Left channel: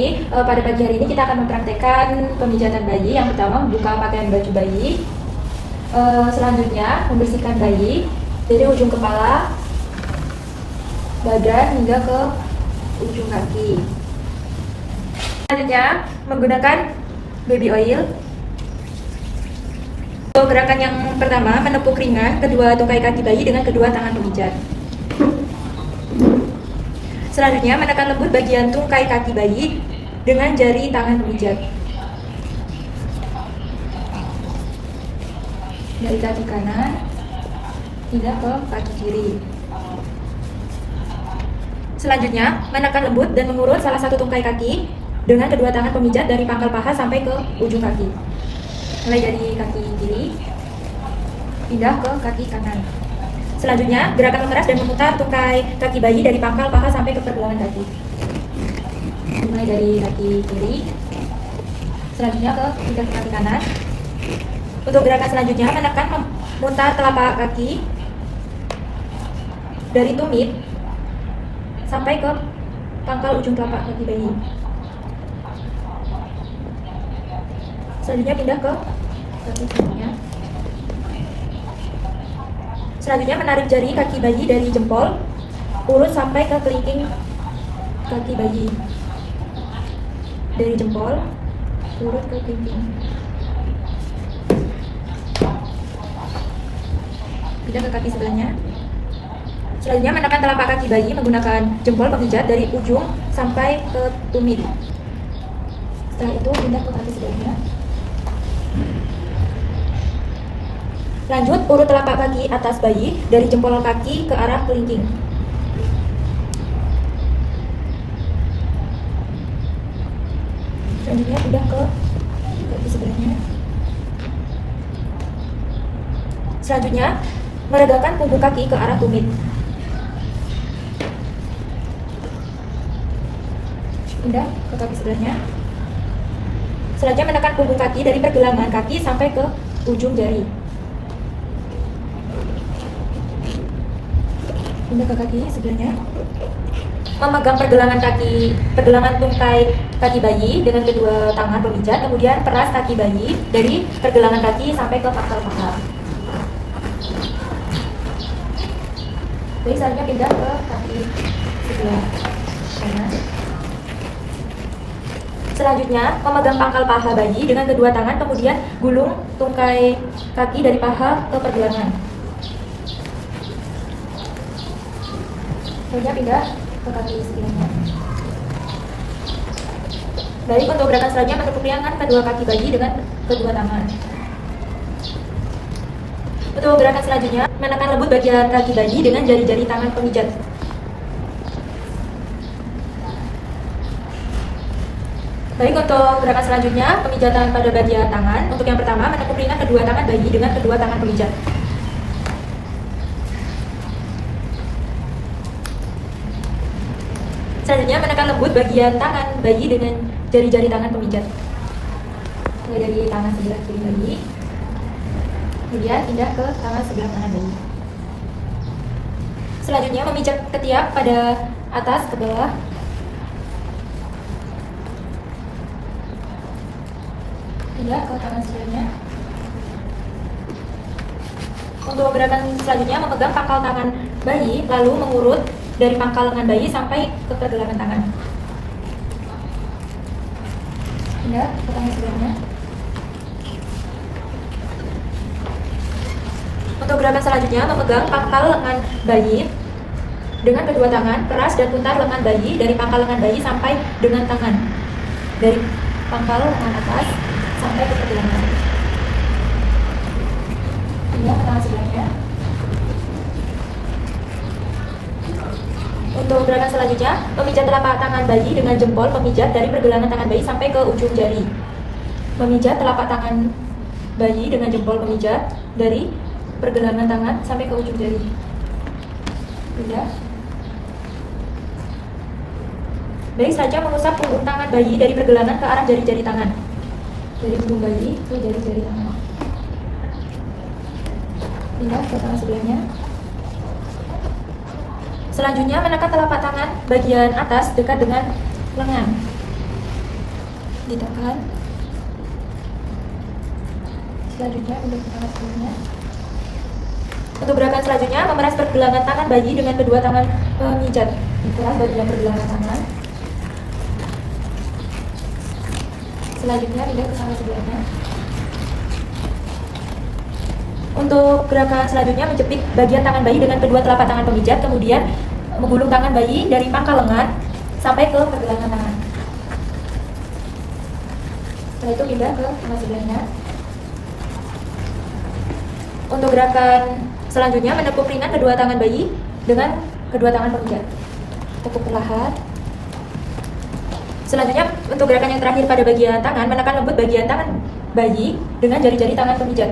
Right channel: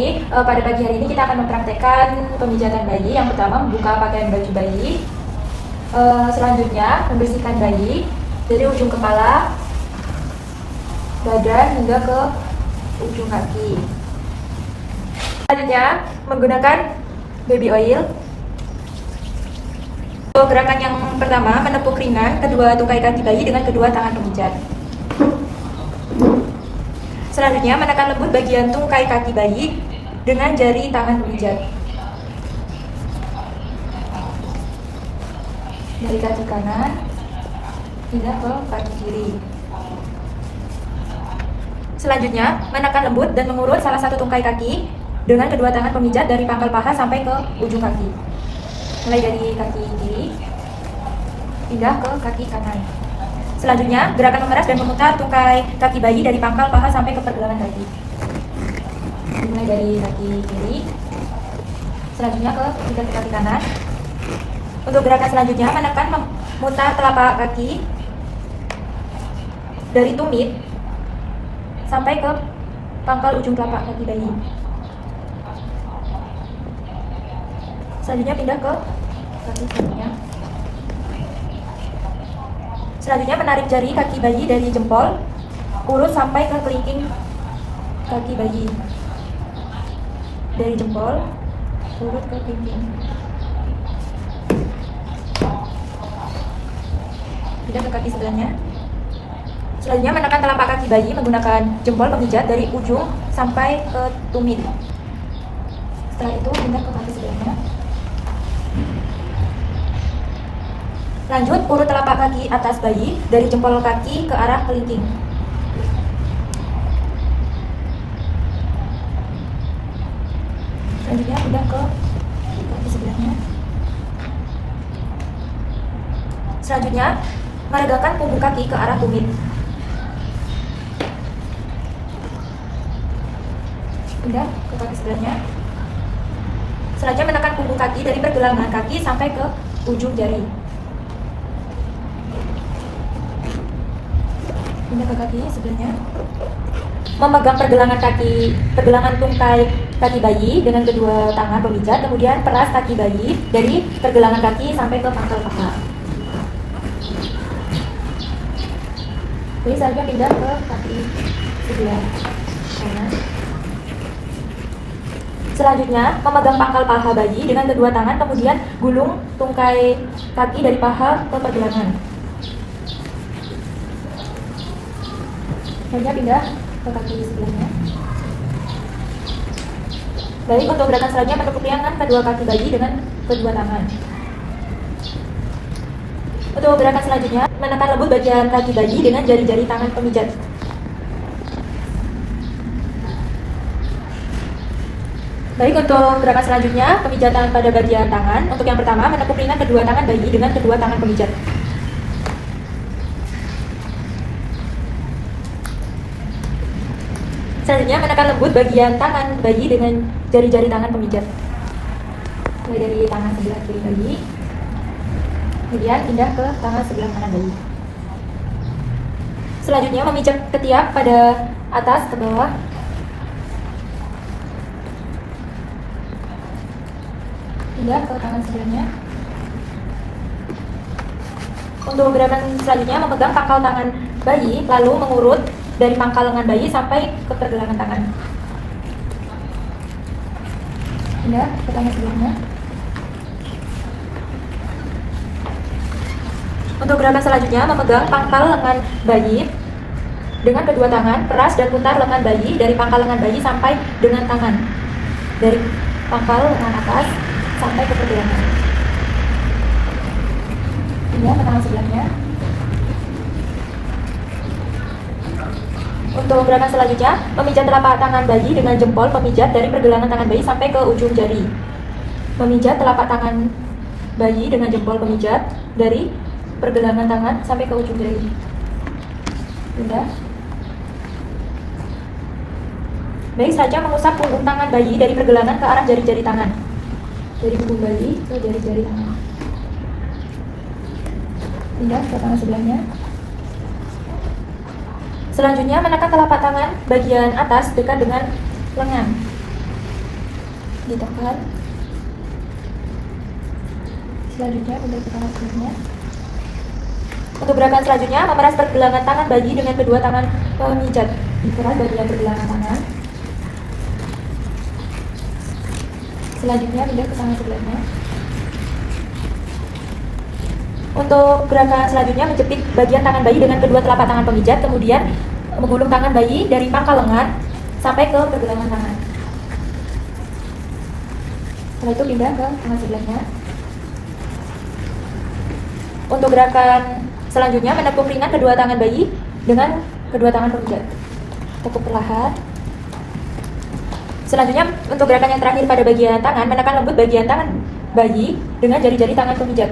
Jadi pada pagi hari ini kita akan mempraktekkan pemijatan bayi. Yang pertama membuka pakaian baju bayi, selanjutnya membersihkan bayi dari ujung kepala, badan hingga ke ujung kaki. Selanjutnya menggunakan baby oil. Gerakan yang pertama menepuk ringan kedua tungkai kaki bayi dengan kedua tangan pemijat. Selanjutnya menekan lembut bagian tungkai kaki bayi dengan jari tangan pemijat. Dari kaki kanan hingga ke kaki kiri. Selanjutnya menekan lembut dan mengurut salah satu tungkai kaki dengan kedua tangan pemijat dari pangkal paha sampai ke ujung kaki. Mulai dari kaki kiri pindah ke kaki kanan. Selanjutnya gerakan mengeras dan memutar tungkai kaki bayi dari pangkal paha sampai ke pergelangan kaki. Mulai dari kaki kiri, selanjutnya ke kaki kanan. Untuk gerakan selanjutnya menekan memutar telapak kaki dari tumit sampai ke pangkal ujung telapak kaki bayi. Selanjutnya pindah ke kaki selanjutnya. Selanjutnya menarik jari kaki bayi dari jempol, urut sampai ke kelingking kaki bayi. Dari jempol, urut ke kelingking. Pindah ke kaki sebelahnya. Selanjutnya menekan telapak kaki bayi menggunakan jempol pemijat dari ujung sampai ke tumit. Setelah itu pindah ke kaki sebelahnya. Lanjut, urut telapak kaki atas bayi dari jempol kaki ke arah kelingking. Selanjutnya pindah ke kaki sebelahnya. Selanjutnya, meregangkan punggung kaki ke arah tumit. Pindah ke kaki sebelahnya. Selanjutnya menekan punggung kaki dari pergelangan kaki sampai ke ujung jari. Pindah ke kaki sebelahnya. Memegang pergelangan tungkai kaki bayi dengan kedua tangan pemijat, kemudian peras kaki bayi dari pergelangan kaki sampai ke pangkal paha. Jadi selanjutnya pindah ke kaki sebelah kanan. Selanjutnya memegang pangkal paha bayi dengan kedua tangan, kemudian gulung tungkai kaki dari paha ke pergelangan. Selanjutnya pindah ke kaki sebelahnya. Baik, untuk gerakan selanjutnya menepuk ringan kedua kaki bayi dengan kedua tangan. Untuk gerakan selanjutnya menekan lembut bagian kaki bayi dengan jari-jari tangan pemijat. Baik, untuk gerakan selanjutnya pemijatan pada bagian tangan. Untuk yang pertama menepuk ringan kedua tangan bayi dengan kedua tangan pemijat. Selanjutnya menekan lembut bagian tangan bayi dengan jari-jari tangan pemijat. Mulai dari tangan sebelah kiri bayi, kemudian pindah ke tangan sebelah kanan bayi. Selanjutnya memijat ketiak pada atas ke bawah. Pindah ke tangan sebelahnya. Untuk gerakan selanjutnya memegang pangkal tangan bayi lalu mengurut dari pangkal lengan bayi sampai ke pergelangan tangan. Pindah ke tangan sebelahnya. Untuk gerakan selanjutnya memegang pangkal lengan bayi dengan kedua tangan, peras dan putar lengan bayi dari pangkal lengan bayi sampai dengan tangan. Dari pangkal lengan atas sampai ke pergelangan. Pindah ke tangan sebelahnya. Untuk gerakan selanjutnya, memijat telapak tangan bayi dengan jempol pemijat dari pergelangan tangan bayi sampai ke ujung jari. Memijat telapak tangan bayi dengan jempol pemijat dari pergelangan tangan sampai ke ujung jari. Sudah. Baik, selanjutnya mengusap punggung tangan bayi dari pergelangan ke arah jari-jari tangan. Dari punggung bayi ke jari-jari tangan. Pindah ke tangan sebelahnya. Selanjutnya menekan telapak tangan bagian atas dekat dengan lengan. ditekan. Selanjutnya pindah ke tangan selanjutnya. Untuk gerakan selanjutnya, memeras pergelangan tangan bayi dengan kedua tangan pemijat. Diperas bagian pergelangan tangan. Selanjutnya pindah ke tangan sebelahnya. Untuk gerakan selanjutnya, menjepit bagian tangan bayi dengan kedua telapak tangan pemijat, kemudian menggulung tangan bayi dari pangkal lengan sampai ke pergelangan tangan. Setelah itu pindah ke tangan sebelahnya. Untuk gerakan selanjutnya, menekuk ringan kedua tangan bayi dengan kedua tangan pemijat. Tekuk perlahan. Selanjutnya, untuk gerakan yang terakhir pada bagian tangan, menekan lembut bagian tangan bayi dengan jari-jari tangan pemijat.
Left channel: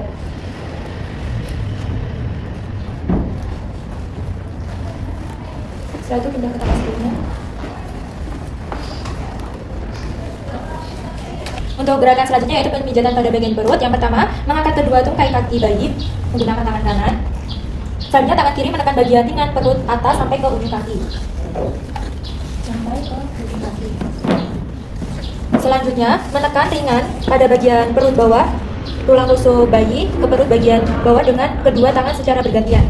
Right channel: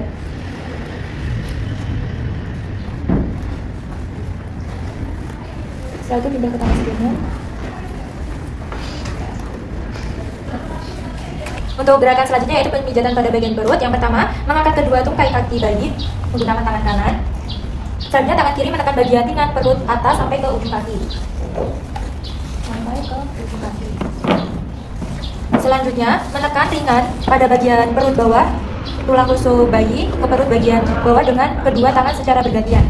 Setelah itu pindah ke tangan sebelumnya. Untuk gerakan selanjutnya yaitu pemijatan pada bagian perut. Yang pertama, mengangkat kedua tungkai kaki bayi menggunakan tangan kanan. Selanjutnya tangan kiri menekan bagian pinggang perut atas sampai ke ujung kaki. Selanjutnya, menekan ringan pada bagian perut bawah, tulang rusuk bayi ke perut bagian bawah dengan kedua tangan secara bergantian.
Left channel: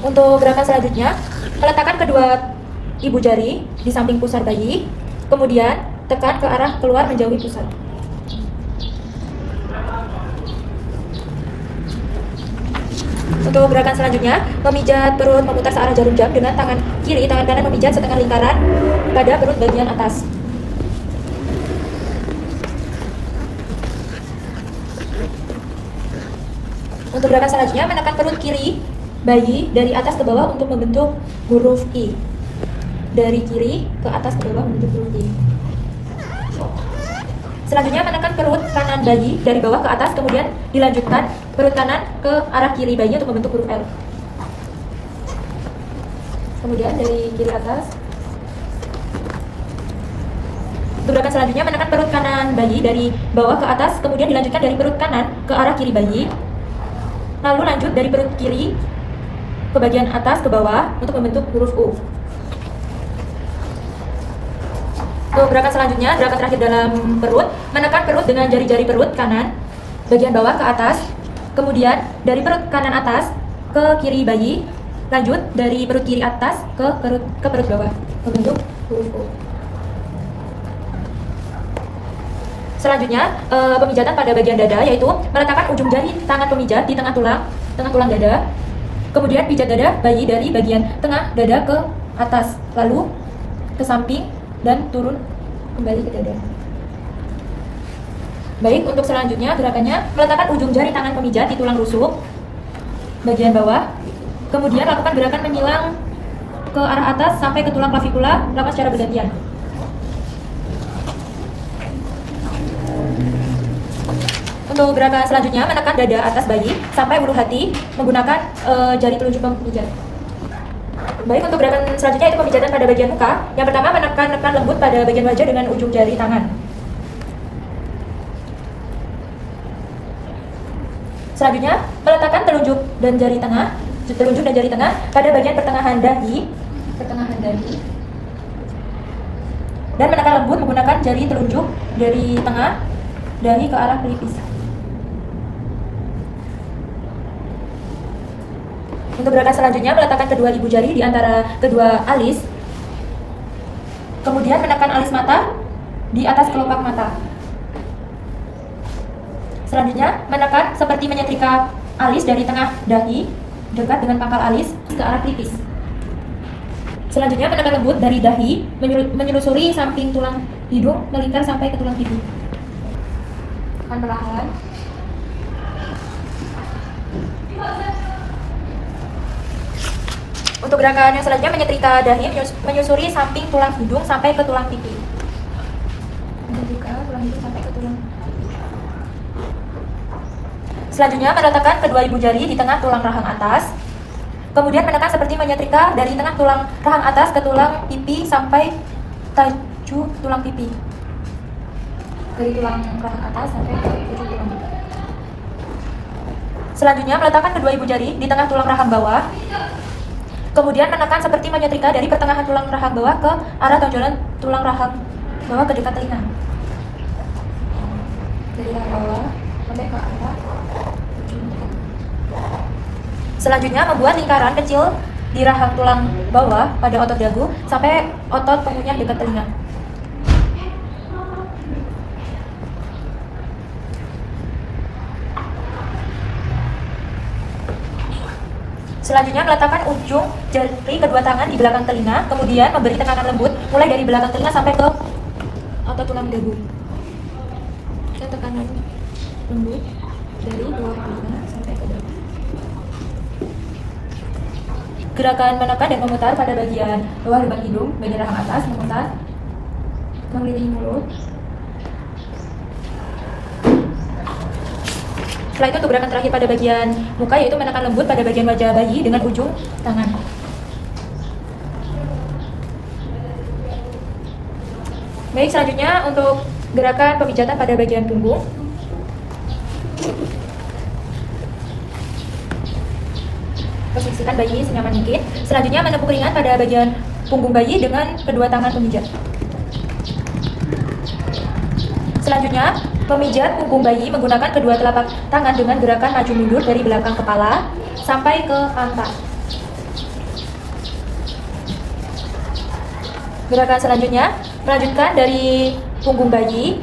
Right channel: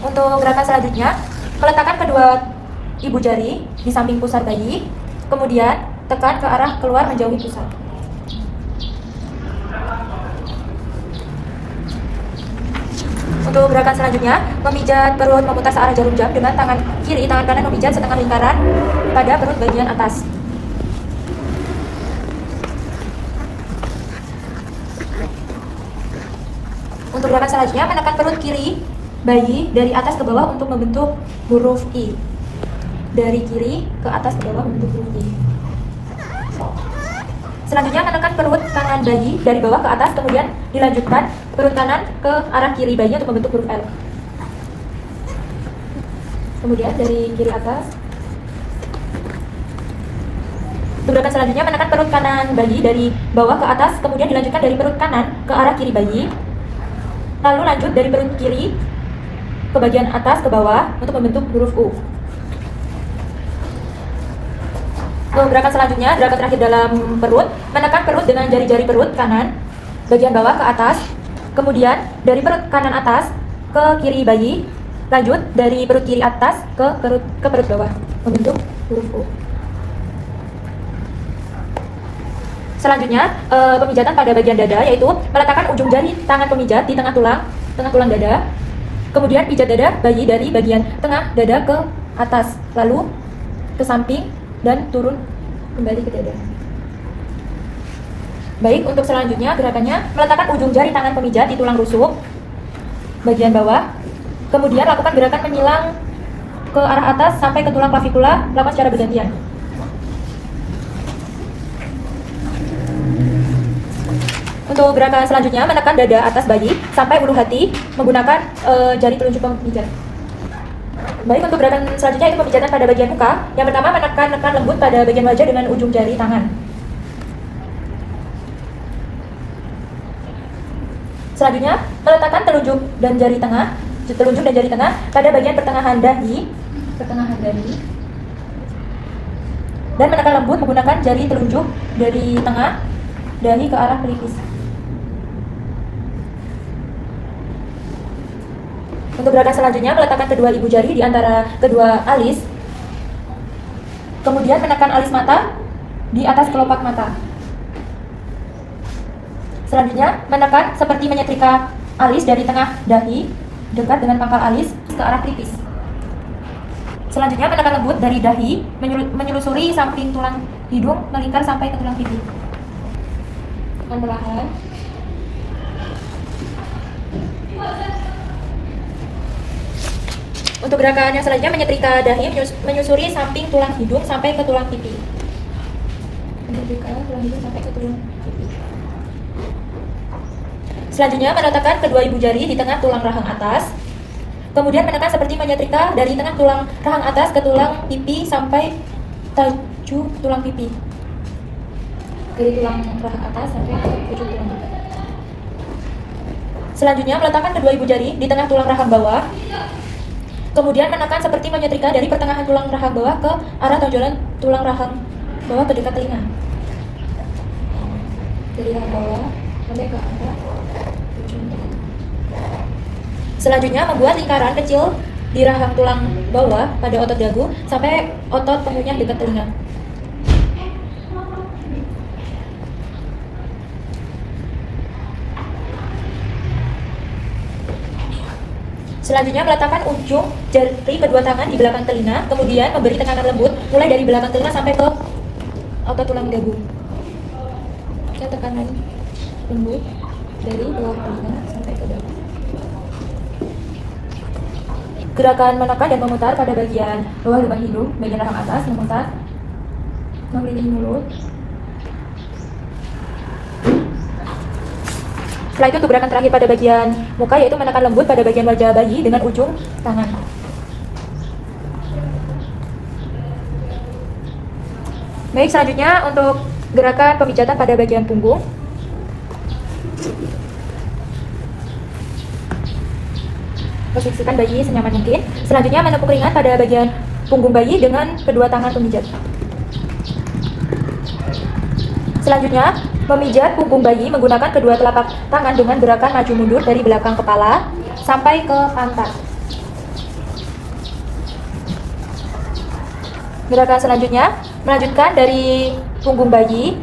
Untuk gerakan selanjutnya, meletakkan kedua ibu jari di samping pusar bayi, kemudian tekan ke arah keluar menjauhi pusar. Untuk gerakan selanjutnya, memijat perut memutar searah jarum jam dengan tangan kiri, tangan kanan memijat setengah lingkaran pada perut bagian atas. Untuk gerakan selanjutnya, menekan perut kiri bayi dari atas ke bawah untuk membentuk huruf I. Dari kiri ke atas ke bawah membentuk huruf I. Selanjutnya, menekan perut kanan bayi dari bawah ke atas, kemudian dilanjutkan perut kanan ke arah kiri bayi untuk membentuk huruf L. Kemudian dari kiri atas. Untuk gerakan selanjutnya, menekan perut kanan bayi dari bawah ke atas, kemudian dilanjutkan dari perut kanan ke arah kiri bayi. Lalu lanjut dari perut kiri ke bagian atas ke bawah untuk membentuk huruf U. Untuk gerakan selanjutnya, gerakan terakhir dalam perut, menekan perut dengan jari-jari perut kanan bagian bawah ke atas, kemudian dari perut kanan atas ke kiri bayi, lanjut dari perut kiri atas ke perut bawah membentuk huruf U. Selanjutnya, pemijatan pada bagian dada, yaitu meletakkan ujung jari tangan pemijat di tengah tulang dada. Kemudian pijat dada bayi dari bagian tengah dada ke atas, lalu ke samping dan turun kembali ke dada. Baik, untuk selanjutnya gerakannya meletakkan ujung jari tangan pemijat di tulang rusuk bagian bawah. Kemudian lakukan gerakan menyilang ke arah atas sampai ke tulang klavikula, lakukan secara bergantian. Untuk gerakan selanjutnya, menekan dada atas bayi sampai ulu hati menggunakan jari telunjuk pemijat. Baik, untuk gerakan selanjutnya itu pemijatan pada bagian muka. Yang pertama, menekan lembut pada bagian wajah dengan ujung jari tangan. Selanjutnya, meletakkan telunjuk dan jari tengah pada bagian pertengahan dahi. Dan menekan lembut menggunakan jari telunjuk dari tengah dahi ke arah pelipis. Untuk gerakan selanjutnya, meletakkan kedua ibu jari di antara kedua alis, kemudian menekan alis mata di atas kelopak mata. Selanjutnya, menekan seperti menyetrika alis dari tengah dahi dekat dengan pangkal alis ke arah pelipis. Selanjutnya, menekan lembut dari dahi menyelusuri samping tulang hidung melingkar sampai ke tulang pipi. Tekan perlahan. Untuk gerakan yang selanjutnya, menyetrika dahi menyusuri samping tulang hidung sampai ke tulang pipi. Menyetrika tulang hidung sampai ke tulang pipi. Selanjutnya, meletakkan kedua ibu jari di tengah tulang rahang atas. Kemudian menekan seperti menyetrika dari tengah tulang rahang atas ke tulang pipi sampai tajuk tulang pipi. Dari tulang rahang atas sampai ke ujung tulang pipi. Selanjutnya, meletakkan kedua ibu jari di tengah tulang rahang bawah. Kemudian menekan seperti menyetrika dari pertengahan tulang rahang bawah ke arah tonjolan tulang rahang bawah ke dekat telinga. Dari rahang bawah sampai ke arah ujung. Selanjutnya membuat lingkaran kecil di rahang tulang bawah pada otot dagu sampai otot pengunyah dekat telinga. Selanjutnya meletakkan ujung jari kedua tangan di belakang telinga, kemudian memberi tekanan lembut mulai dari belakang telinga sampai ke otot tulang dagu. Tekanan lembut dari belakang telinga sampai ke dagu. Gerakan menekan dan memutar pada bagian bawah lubang hidung, bagian rahang atas, memutar, mengelilingi mulut. Setelah itu untuk gerakan terakhir pada bagian muka yaitu menekan lembut pada bagian wajah bayi dengan ujung tangan. Baik, selanjutnya untuk gerakan pemijatan pada bagian punggung. Posisikan bayi senyaman mungkin. Selanjutnya menepuk ringan pada bagian punggung bayi dengan kedua tangan pemijat. Selanjutnya, memijat punggung bayi menggunakan kedua telapak tangan dengan gerakan maju mundur dari belakang kepala sampai ke pantat. Gerakan selanjutnya, melanjutkan dari punggung bayi,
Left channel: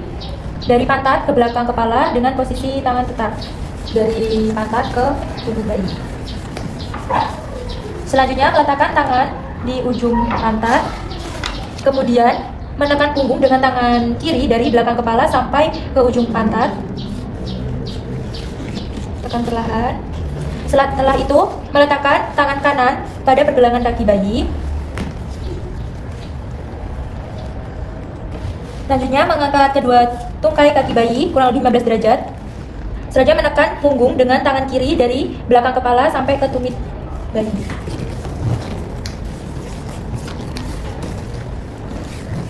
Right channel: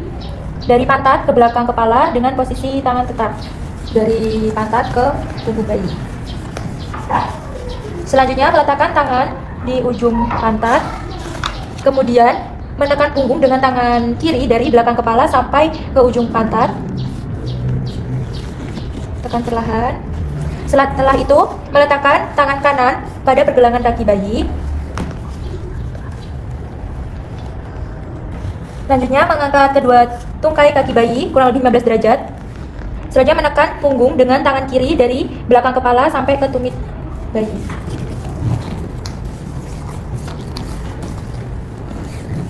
dari pantat ke belakang kepala dengan posisi tangan tetap. Dari pantat ke punggung bayi. Selanjutnya, meletakkan tangan di ujung pantat, kemudian menekan punggung dengan tangan kiri dari belakang kepala sampai ke ujung pantat. Tekan perlahan. Setelah itu, meletakkan tangan kanan pada pergelangan kaki bayi. Selanjutnya, mengangkat kedua tungkai kaki bayi kurang lebih 15 derajat. Selanjutnya, menekan punggung dengan tangan kiri dari belakang kepala sampai ke tumit bayi.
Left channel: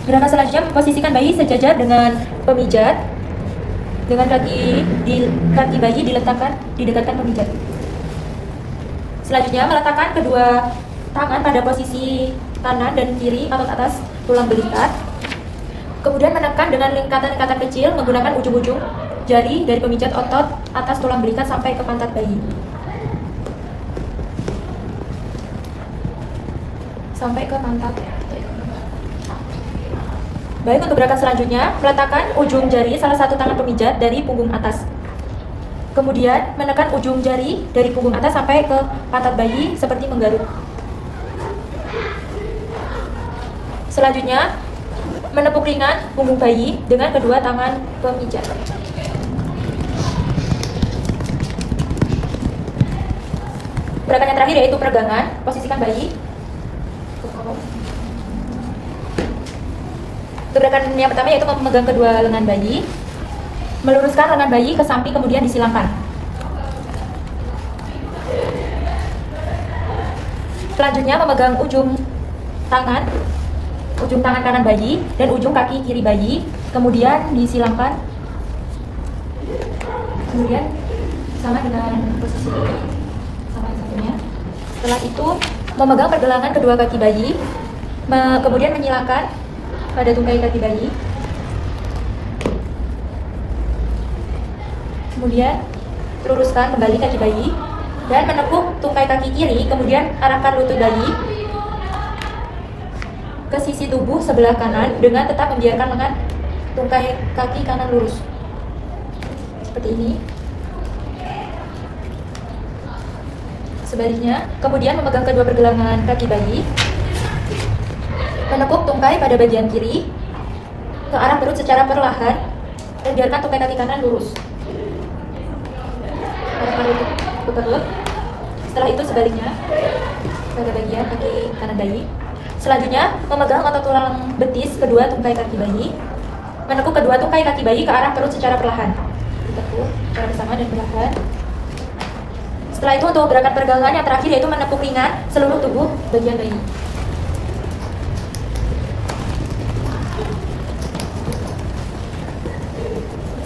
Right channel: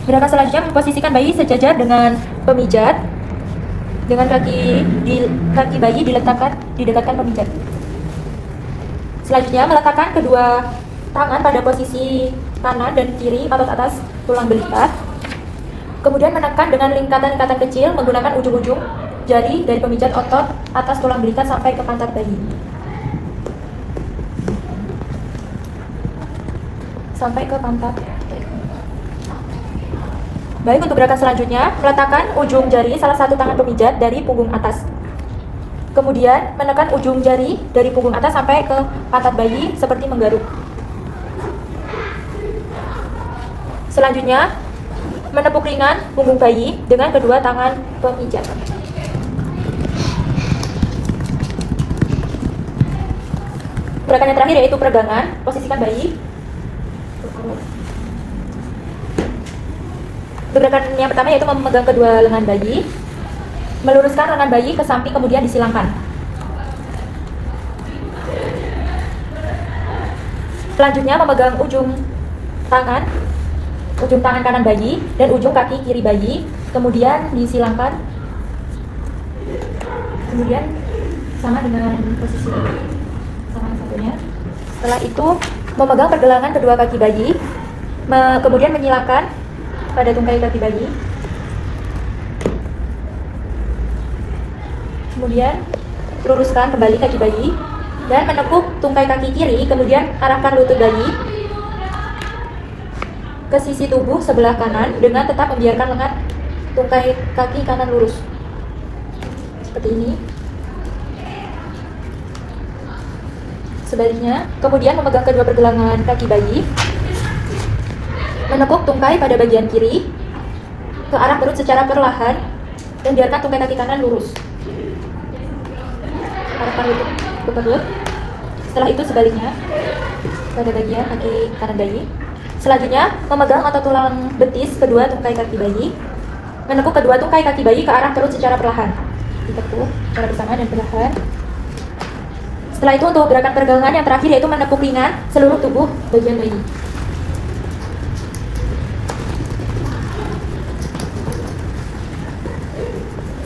Gerakan selanjutnya memposisikan bayi sejajar dengan pemijat, dengan kaki bayi didekatkan pemijat. Selanjutnya meletakkan kedua tangan pada posisi kanan dan kiri otot atas tulang belikat. Kemudian menekan dengan lingkatan-lingkatan kecil menggunakan ujung-ujung jari dari pemijat otot atas tulang belikat sampai ke pantat bayi. Sampai ke pantat. Baik, untuk gerakan selanjutnya, meletakkan ujung jari salah satu tangan pemijat dari punggung atas. Kemudian menekan ujung jari dari punggung atas sampai ke pantat bayi seperti menggaruk. Selanjutnya, menepuk ringan punggung bayi dengan kedua tangan pemijat. Gerakan yang terakhir yaitu peregangan. Posisikan bayi. Gerakan yang pertama yaitu memegang kedua lengan bayi, meluruskan lengan bayi ke samping kemudian disilangkan. Selanjutnya memegang ujung tangan kanan bayi dan ujung kaki kiri bayi, kemudian disilangkan. Kemudian sama dengan posisi sama satunya. Setelah itu memegang pergelangan kedua kaki bayi, kemudian menyilangkan pada tungkai kaki bayi. Kemudian luruskan kembali kaki bayi dan menepuk tungkai kaki kiri, kemudian arahkan lutut bayi ke sisi tubuh sebelah kanan dengan tetap membiarkan lengan tungkai kaki kanan lurus. Seperti ini. Sebaliknya, kemudian memegang kedua pergelangan kaki bayi, menepuk tungkai pada bagian kiri ke arah perut secara perlahan dan biarkan tungkai kaki kanan lurus. Arahkan lutut ke perut. Setelah itu sebaliknya pada bagian kaki kanan bayi. Selanjutnya memegang otot tulang betis kedua tungkai kaki bayi, menepuk kedua tungkai kaki bayi ke arah perut secara perlahan. Ditekuk secara bersama dan perlahan. Setelah itu untuk gerakan peregangan yang terakhir yaitu menepuk ringan seluruh tubuh bagian bayi.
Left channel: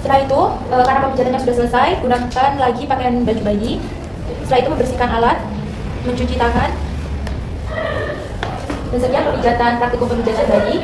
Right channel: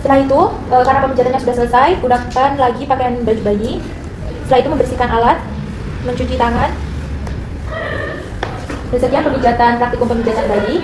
Setelah itu, karena pemijatannya sudah selesai, gunakan lagi pakaian baju bayi. Setelah itu membersihkan alat, mencuci tangan, Dan sekian pemijatan praktikum pemijatan bayi.